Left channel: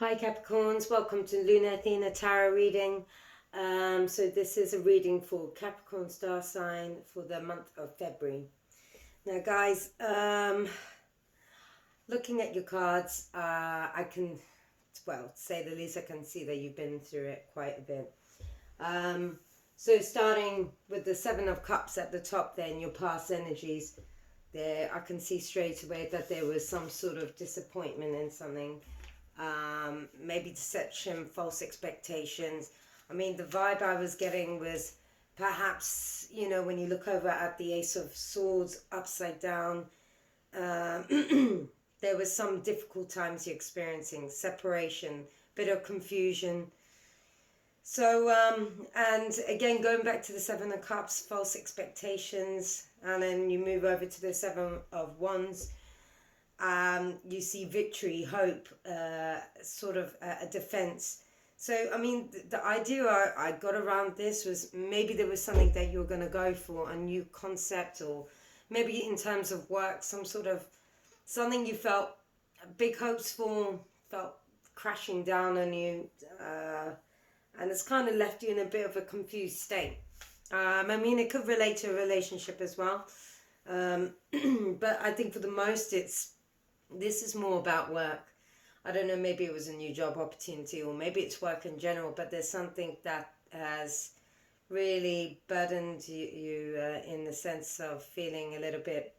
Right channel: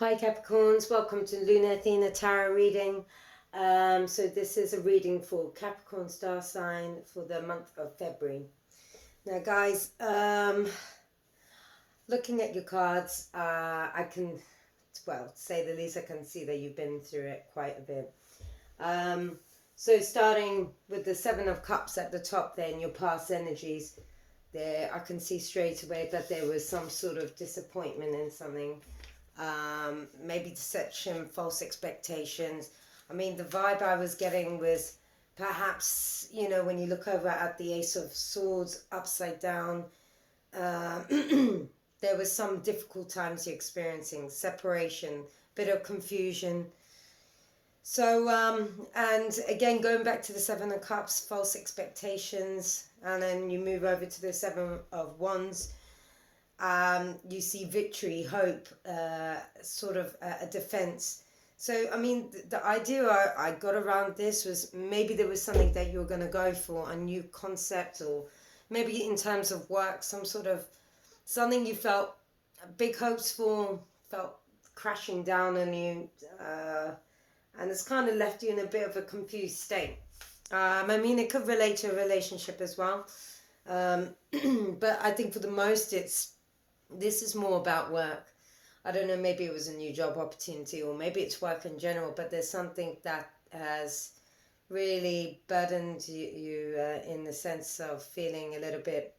Hi Capricorns, welcome to Luna Athena Tarot reading. So this is a reading for Capricorn star sign for the month of February. Now guys, looking at your cards, I can, well, to say the least, I can see that you've been through it quite a bit. So starting with the Seven of Cups at the top there in your past energies, there I can see straight away that there was some sort of disappointment in something. Maybe deception, false expectations. I mean, the vibe I was getting was perhaps, when you look over at the Ace of Swords upside down, uh, there was some difficult times you're experiencing, separation, bit of confusion. So, and again, going back to the Seven of Cups, false expectations, and then you move over to the Seven of Wands. You see victory, hope, sort of a defense. So, I mean, the idea I got around this was maybe there was something that you were going to go for, a new concept, or maybe in terms of work, some sort of something you felt big hopes for, felt crashing down on you, and it's kind of left you in a bit of a confused state. I mean, it could relate to a relationship as well. But I think for the most, this is more about work. I don't know, maybe it was a new job opportunity or maybe it's work in general, but there's something that has really burdened you in the sense of feeling a little bit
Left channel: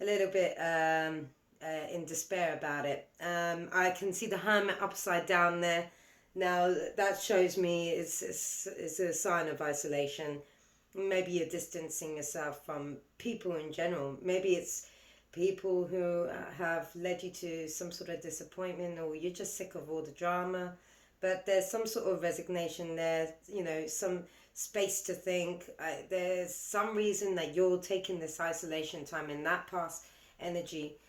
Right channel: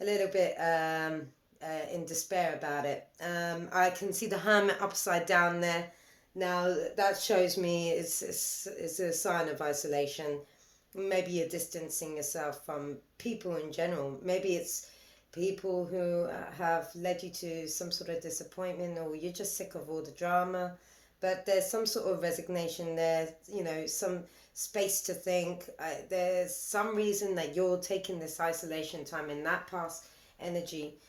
in despair about it. I can see the Hermit upside down there. Now that shows me it's a sign of isolation. Maybe you're distancing yourself from people in general. Maybe it's people who have led you to some sort of disappointment, or you're just sick of all the drama. But there's some sort of resignation there, some space to think. There's some reason that you're taking this isolation time in that past energy.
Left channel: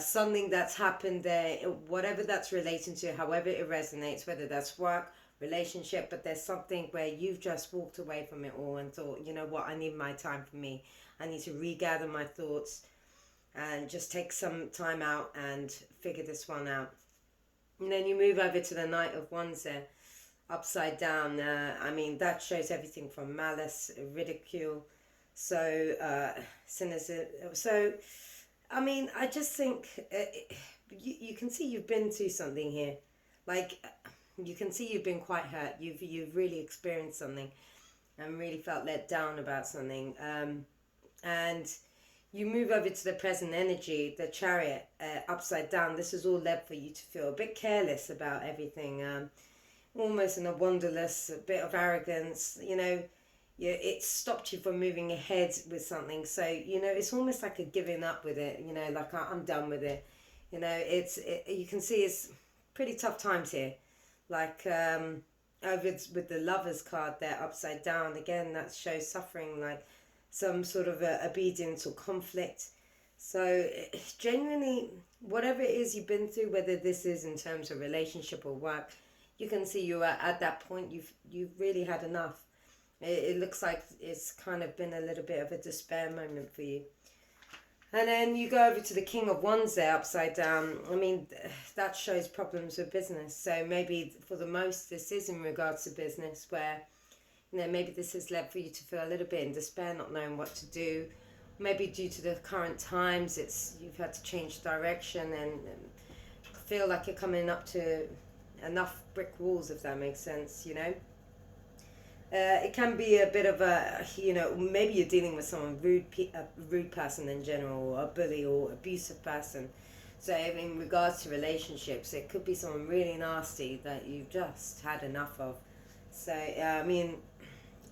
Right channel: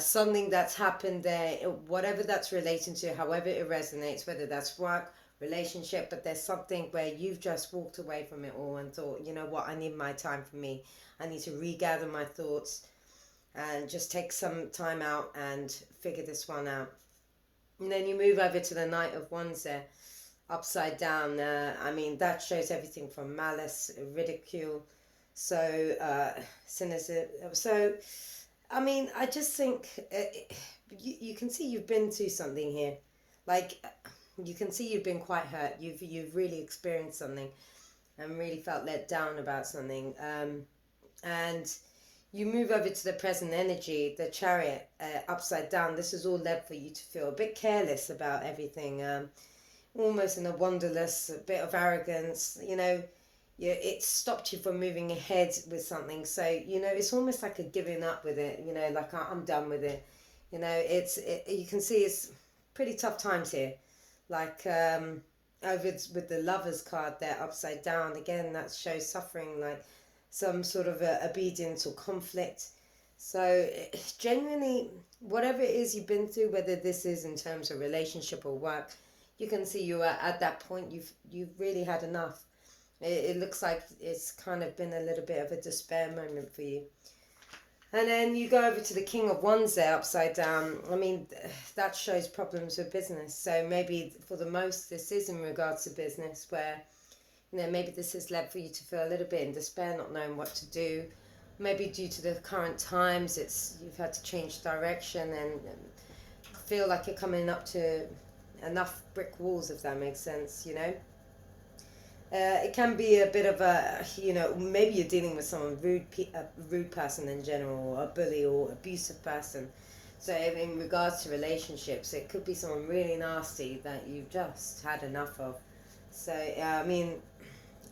Something that's happened there, whatever that's relating to, however it resonates, whether that's work, relationship, but there's something where you've just walked away from it all and thought, you know what, I need my time for me. I need to regather my thoughts and just take some time out and figure this one out. And then you move over to the Knight of Wands there, upside down. I mean, that shows everything from malice, ridicule, so cynicism. So, I mean, I just think you can see you've been through something here. Like, you can see you've been quite hurt. You've really experienced something and really felt let down about something. And you move over to the present energy, the Chariot, upside down. This is all led for you to feel a bit careless about everything, almost in a wanderlust, a bit of arrogance. It stopped you from moving ahead with something. So it's almost like a giving up with it. Like I'm done with it. You can see it's pretty tough times here. Like over with the Lovers card there upside down again, that shows suffering, like some sort of obedience or conflict. So genuinely, whatever it is you've been through, whether this is in terms of relationship or work, you can see you are at that point. You've really had enough. It looks like it's kind of been a little bit of a despair moment for you. And then you go over to the King of Wands there upside down. I mean, that shows problems with business. So maybe for the most, this is in regards to business, where maybe this has led for you to feel a little bit in despair, not knowing what to do. Maybe due to the current times, you've had to change direction and feel like you're coming up to enough brick walls, if that makes sense. It can be a bit of maybe you're dealing with someone a rude person in general, or a bully or abusive person. So in regards to relationships, it could be someone really nasty that you've just had enough of. So I mean,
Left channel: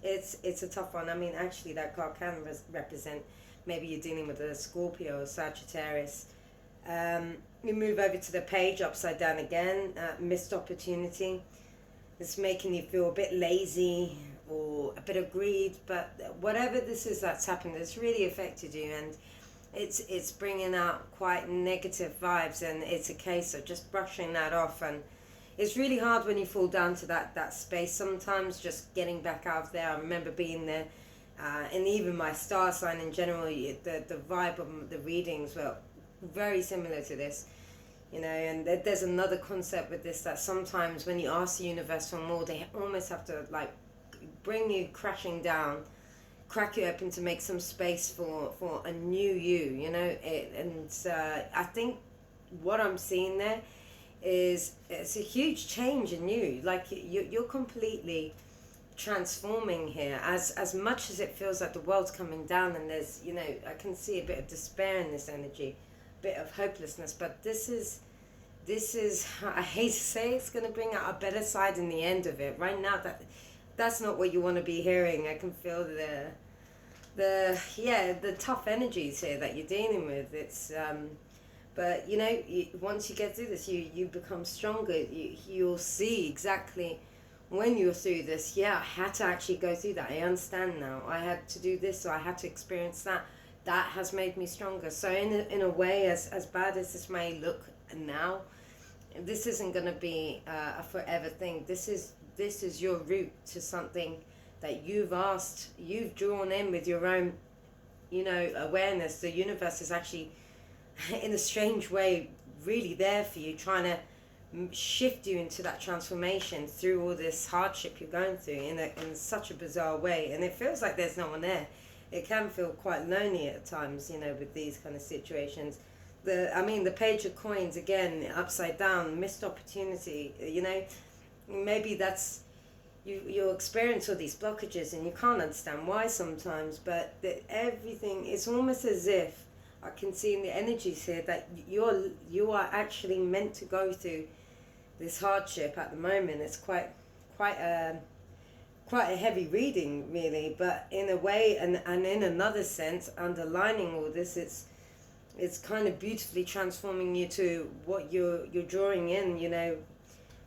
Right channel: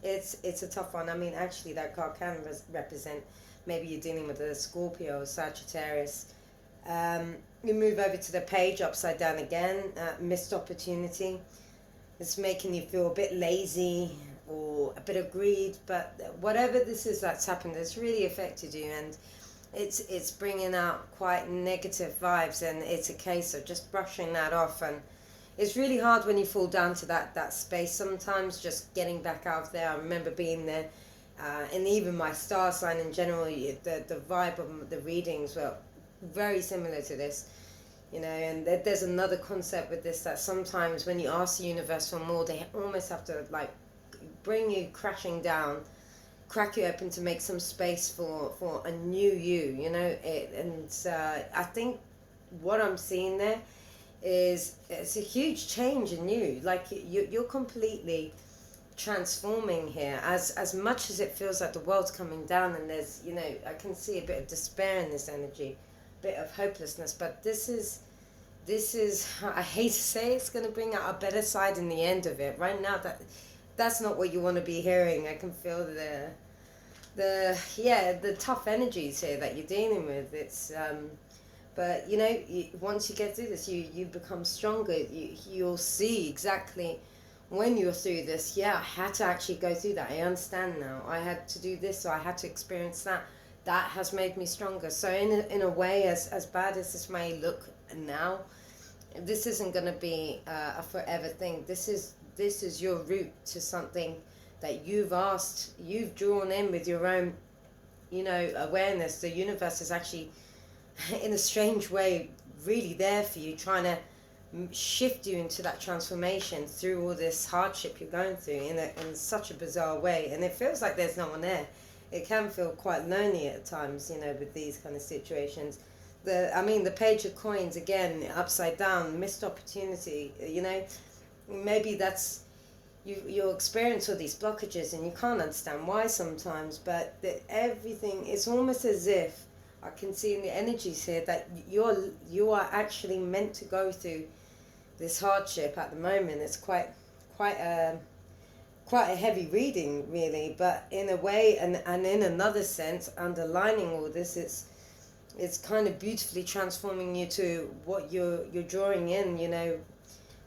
it's a tough one. I mean, actually, that card can represent maybe you're dealing with a Scorpio or Sagittarius. You move over to the Page upside down again. Missed opportunity. It's making you feel a bit lazy or a bit of greed, but whatever this is that's happened, it's really affected you, and it's bringing out quite negative vibes, and it's a case of just brushing that off. And it's really hard when you fall down to that space sometimes, just getting back out there. I remember being there, and even my star sign in general, the vibe of the readings were very similar to this. And there's another concept with this, that sometimes when you ask the universe for more, they almost have to like bring you crashing down, crack you open to make some space for a new you. I think what I'm seeing there is it's a huge change in you. Like you're completely transforming here. As much as it feels like the world's coming down, and there's, I can see a bit of despair in this energy, a bit of hopelessness. But this is I hate to say it's going to bring out a better side in the end of it. Right now, that's not what you want to be hearing. I can feel the tough energies here that you're dealing with. It's but once you get through this, you become stronger. You'll see exactly when you're through this. Yeah, I had to actually go through that. I understand now. I had to do this, or I had to experience that. That has made me stronger. So in a way, as bad as this may look now, this isn't going to be a forever thing. This is your route to something that you've drawn in with your own, awareness. The universe is actually, in a strange way, really there for you, trying to shift you into that transformation through all this hardship you're going through in such a bizarre way. And it feels like there's no one there. It can feel quite lonely at times, with these kind of situations. The Page of Coins, again, upside down, missed opportunity, maybe that's, you'll experience all these blockages and you can't understand why sometimes, but everything, it's almost as if I can see in the energies here that you are actually meant to go through this hardship at the moment. It's quite a heavy reading, really, but in a way, and in another sense, underlining all this, it's kind of beautifully transforming you to what you're drawing in,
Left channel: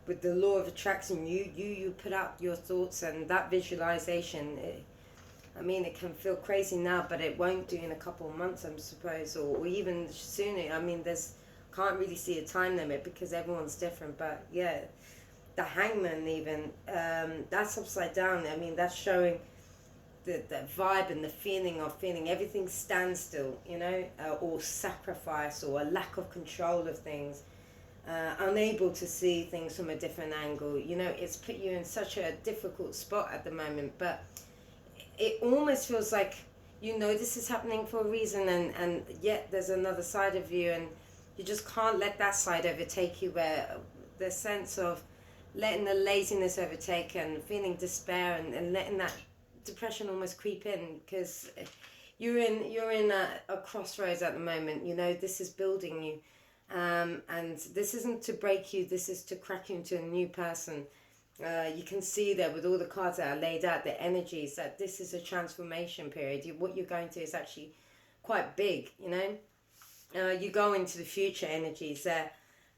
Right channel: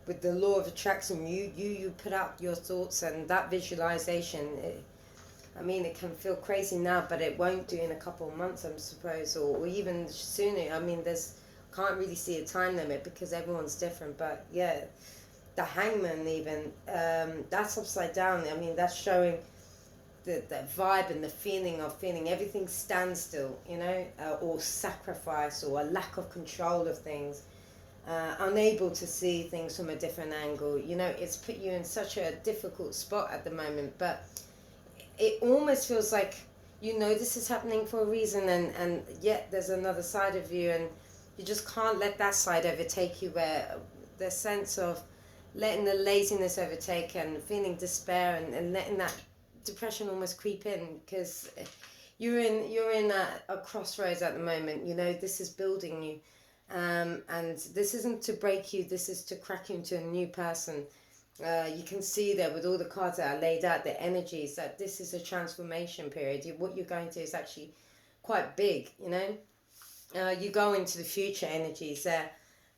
with the law of attraction. You put out your thoughts, and that visualization, it can feel crazy now, but it won't do in a couple of months, I suppose, or even sooner. Can't really see a time limit because everyone's different, but yeah, the Hangman even, that's upside down. That's showing the vibe and the feeling of feeling everything standstill, or sacrifice, or a lack of control of things, unable to see things from a different angle. It's put you in such a difficult spot at the moment, but it almost feels like this is happening for a reason, and yet there's another side of you, and you just can't let that side overtake you, where the sense of letting the laziness overtake and feeling despair, and letting that depression almost creep in, because you're in a crossroads at the moment. This is building you, and this isn't to break you, this is to crack you into a new person. You can see there with all the cards that are laid out, the energies, that this is a transformation period. What you're going through is actually quite big. You go into the future energies there,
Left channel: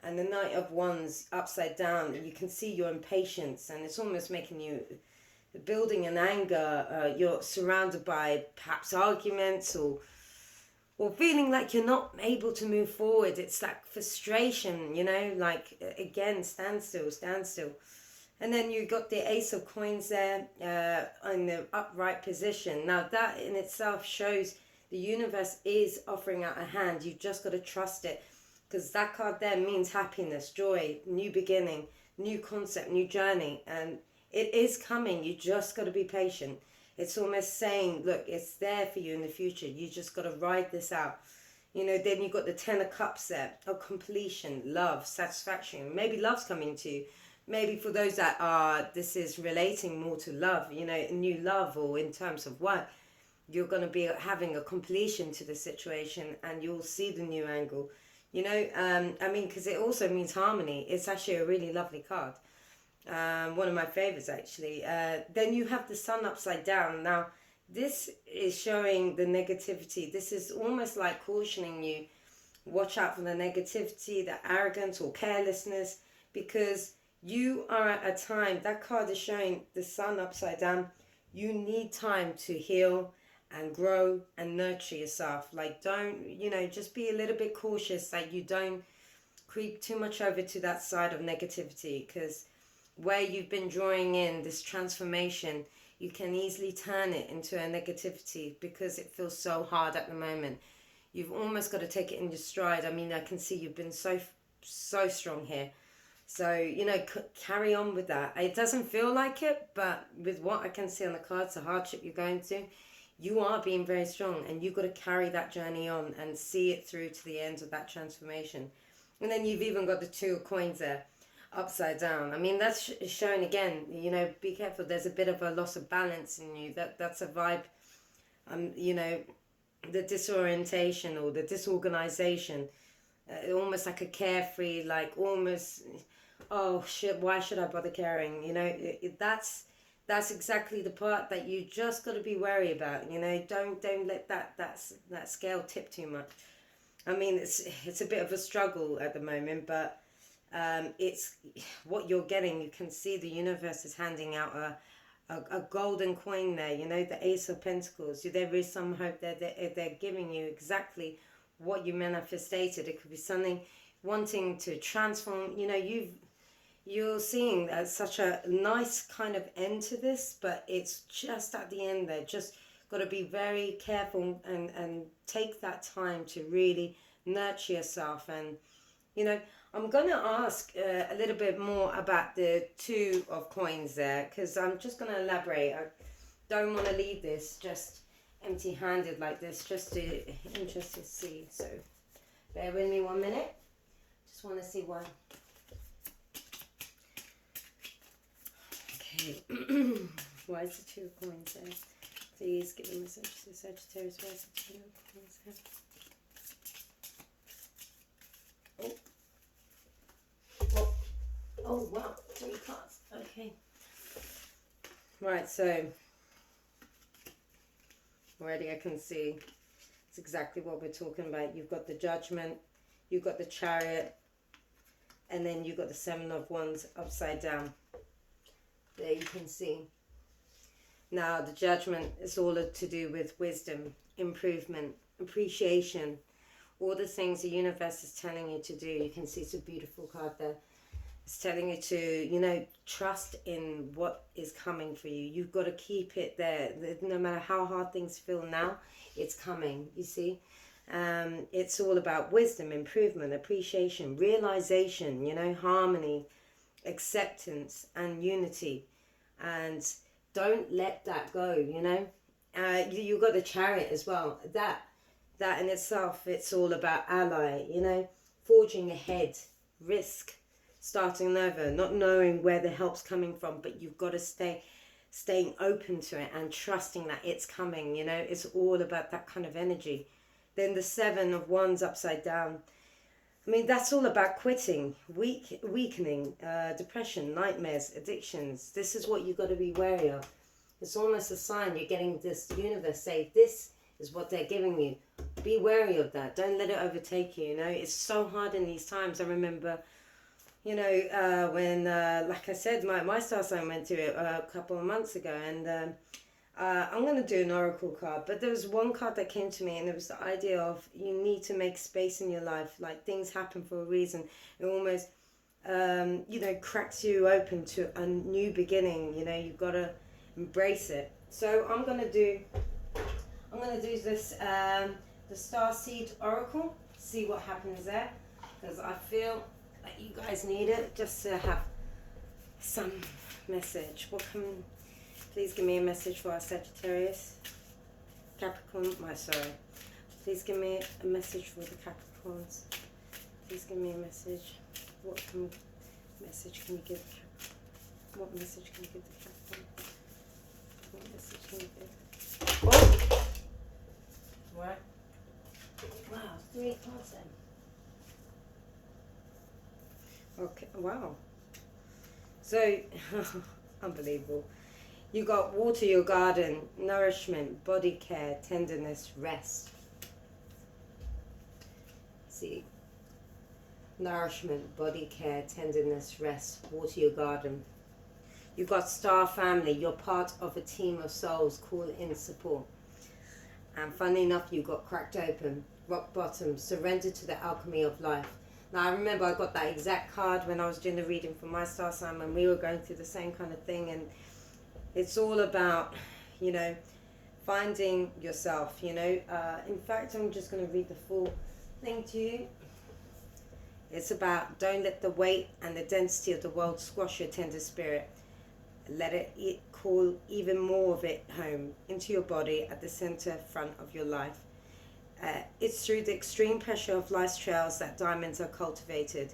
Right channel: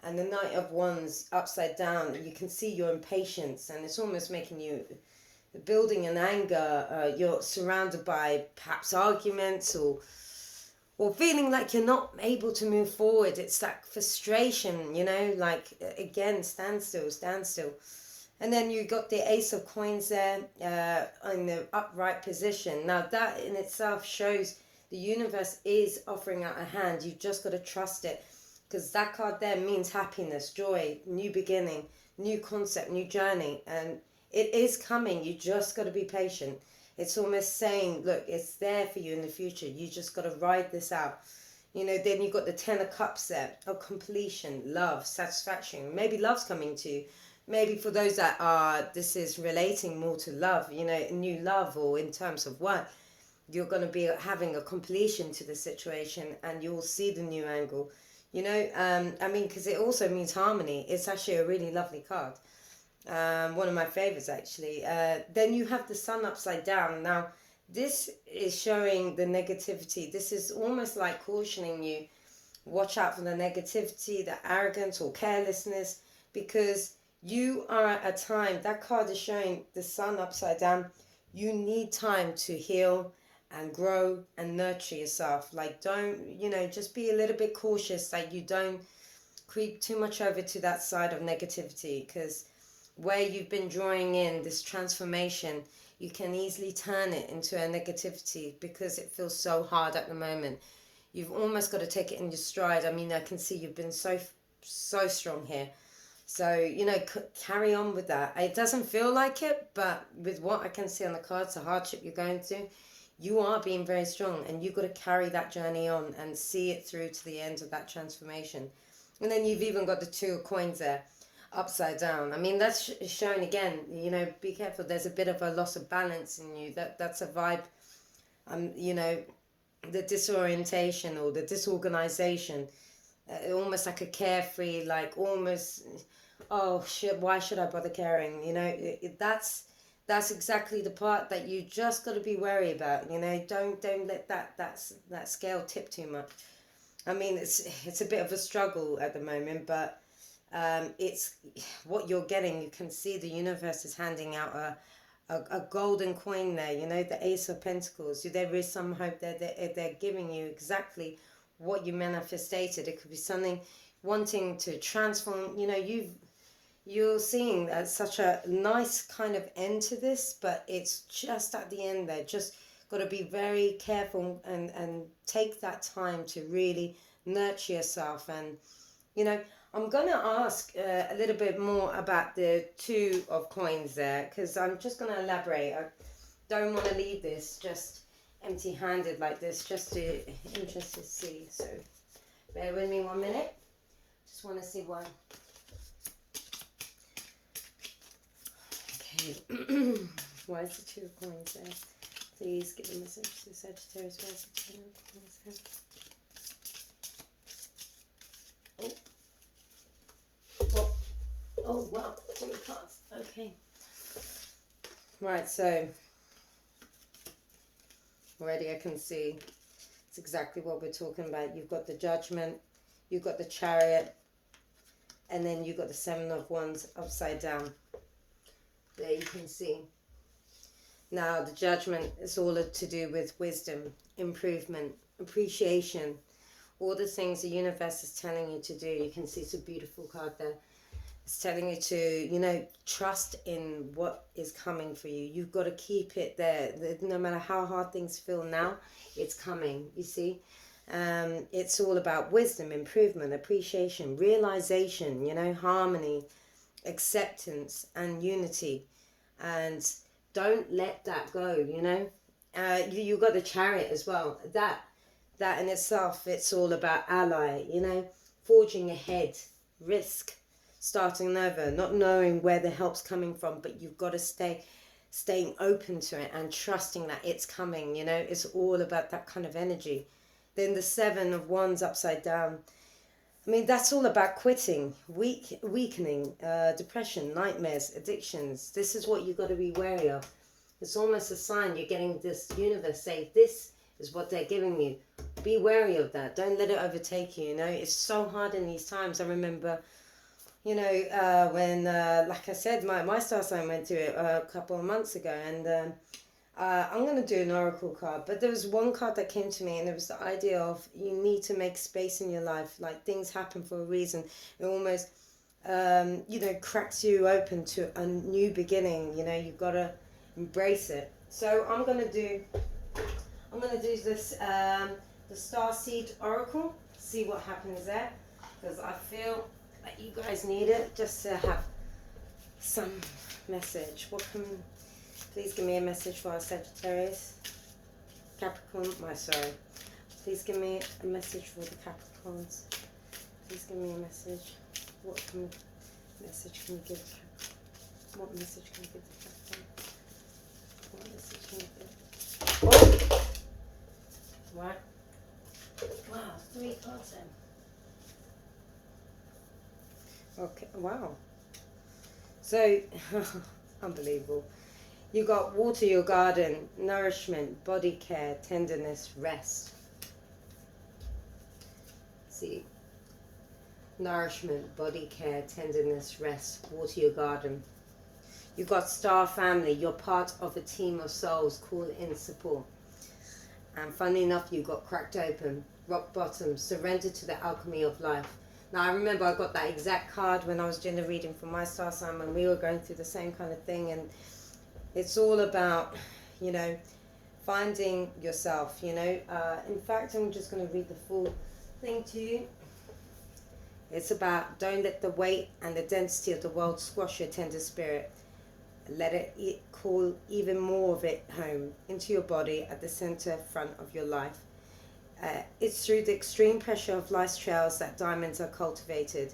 and the Knight of Wands upside down, you can see your impatience, and it's almost making you building an anger. You're surrounded by perhaps arguments, or feeling like you're not able to move forward. It's that frustration, like, again, standstill. And then you got the Ace of Coins there, in the upright position. Now that in itself shows the universe is offering out a hand. You just got to trust it, because that card there means happiness, joy, new beginning, new concept, new journey, and it is coming. You just got to be patient. It's almost saying, look, it's there for you in the future. You just got to ride this out. Then you got the Ten of Cups there, of completion, love, satisfaction. Maybe love's coming to you. Maybe for those that this is relating more to love, new love, or in terms of work, you're going to be having a completion to the situation, and you'll see the new angle, because it also means harmony. It's actually a really lovely card. One of my favorites, actually. Then you have the Sun upside down. Now, this is showing the negativity. This is almost like cautioning you, watch out for the negativity, the arrogance or carelessness, because you are at a time, that card is showing the Sun upside down. You need time to heal and grow and nurture yourself. Like, don't, just be a little bit cautious that you don't creep too much over to that side of negativity, because where you've been drawing in this transformation, you can easily turn it into a negativity because it feels so hard at the moment. You've almost got to take it in your stride. I can see you've been so so strong here. So, you know, carry on with that. It doesn't feel like it, but with what I can see on the cards, the hardship you're going through, you are being very strong, and you've got to carry that journey on and see it through to the end of that transformation. And then you've even got the 2 of coins there, upside down. I mean, that's showing again, you know, be careful. There's a bit of a loss of balance in you. That's a vibe, you know, the disorientation or the disorganization, almost like a carefree, like almost, oh shit, why should I bother caring? You know, that's exactly the part that you just got to be wary about. You know, don't let that scale tip too much. I mean, it's a bit of a struggle at the moment, but it's what you're getting. You can see the universe is handing out a golden coin there. You know, the Ace of Pentacles. There is some hope there. They're giving you exactly what you manifested. It could be something wanting to transform. You know, you're seeing such a nice kind of end to this, but it's just at the end there. Just got to be very careful and take that time to really nurture yourself. And, you know, I'm going to ask a little bit more about the 2 of coins there, because I'm just going to elaborate. I don't want to leave this just empty-handed like this, just to interested to see. So bear with me 1 minute. Just want to see why. Okay. Why is the 2 of coins there? Please give me a message to Sagittarius. Why is the 2 of coins there? Oh wow, 3 cards. Okay. Right, so already I can see it's exactly what we're talking about. You've got the Judgment, you've got the Chariot, and then you've got the 7 of Wands upside down. There you can see. Now the Judgment is all to do with wisdom, improvement, appreciation, all the things the universe is telling you to do. You can see it's a beautiful card there. It's telling you to, you know, trust in what is coming for you. You've got to keep it there. No matter how hard things feel now, it's coming, you see. It's all about wisdom, improvement, appreciation, realization, you know, harmony, acceptance, and unity. And don't let that go, you know. You've got the Chariot as well. That in itself, it's all about ally, you know, forging ahead, risk, starting over, not knowing where the help's coming from, but you've got to staying open to it and trusting that it's coming, you know. It's all about that kind of energy. Then the 7 of Wands upside down. I mean, that's all about quitting, weakening, depression, nightmares, addictions. This is what you've got to be wary of. It's almost a sign you're getting this universe say, this is what they're giving you. Be wary of that. Don't let it overtake you, you know. It's so hard in these times. I remember, you know, when, like I said, my star sign went through it a couple of months ago, and I'm going to do an oracle card, but there was one card that came to me, and it was the idea of you need to make space in your life. Like, things happen for a reason. It almost, you know, cracks you open to a new beginning. You know, you've got to embrace it. So I'm going to do this, the Starseed Oracle, see what happens there, because I feel like you guys need it just to have some message. Please give me a message for our Sagittarius, Capricorn, please give me a message for the Capricorns. Please give me a message. Message can you give Capricorn? What message can you give the Capricorn? What message can you give? Oh! Right. Wow, 3 cards then. Okay, wow. So, unbelievable. You got water your garden, nourishment, body care, tenderness, rest. See, nourishment, body care, tenderness, rest, water your garden. You got star family. You're part of a team of souls. Call in support. And funny enough, you got cracked open, rock bottom, surrender to the alchemy of life. Now, I remember I got that exact card when I was doing the reading for my star sign, when we were going through the same kind of thing. And it's all about, you know, finding yourself, you know. In fact, I'm just going to read the full thing to you. It's about don't let the weight and the density of the world squash your tender spirit. Let it call even more of it home into your body at the center front of your life. It's through the extreme pressure of life's trails that diamonds are cultivated.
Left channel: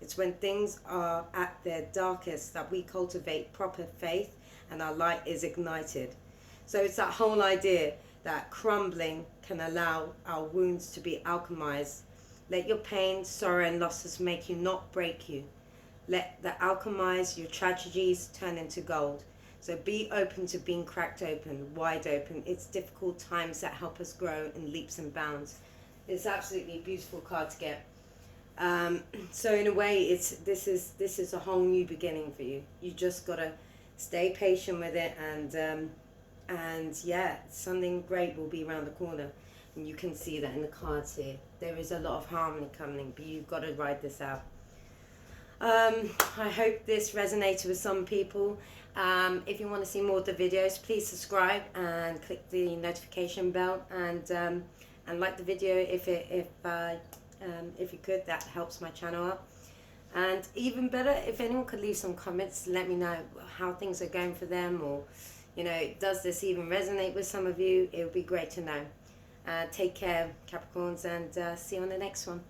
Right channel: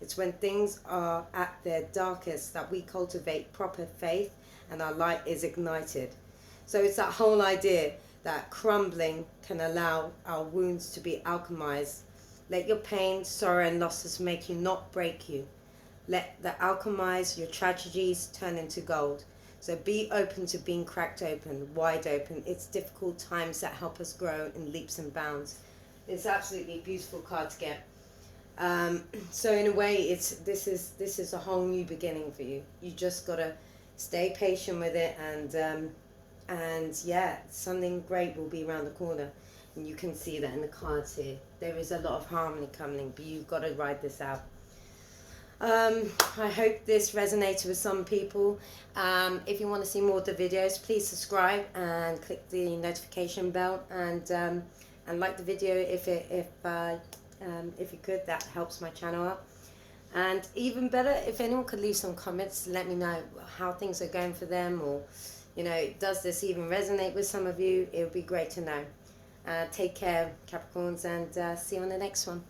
It's when things are at their darkest that we cultivate proper faith and our light is ignited. So it's that whole idea that crumbling can allow our wounds to be alchemized. Let your pain, sorrow, and losses make you, not break you. Let the alchemize your tragedies turn into gold. So be open to being cracked open, wide open. It's difficult times that help us grow in leaps and bounds. It's absolutely a beautiful card to get. So in a way, this is a whole new beginning for you. You just gotta stay patient with it, and yeah, something great will be around the corner, and you can see that in the cards here. There is a lot of harmony coming, but you've got to ride this out. I hope this resonated with some people. If you want to see more of the videos, please subscribe and click the notification bell, and like the video if you could. That helps my channel up. And even better, if anyone could leave some comments, let me know how things are going for them, or does this even resonate with some of you? It would be great to know. Take care, Capricorns, and see you on the next one.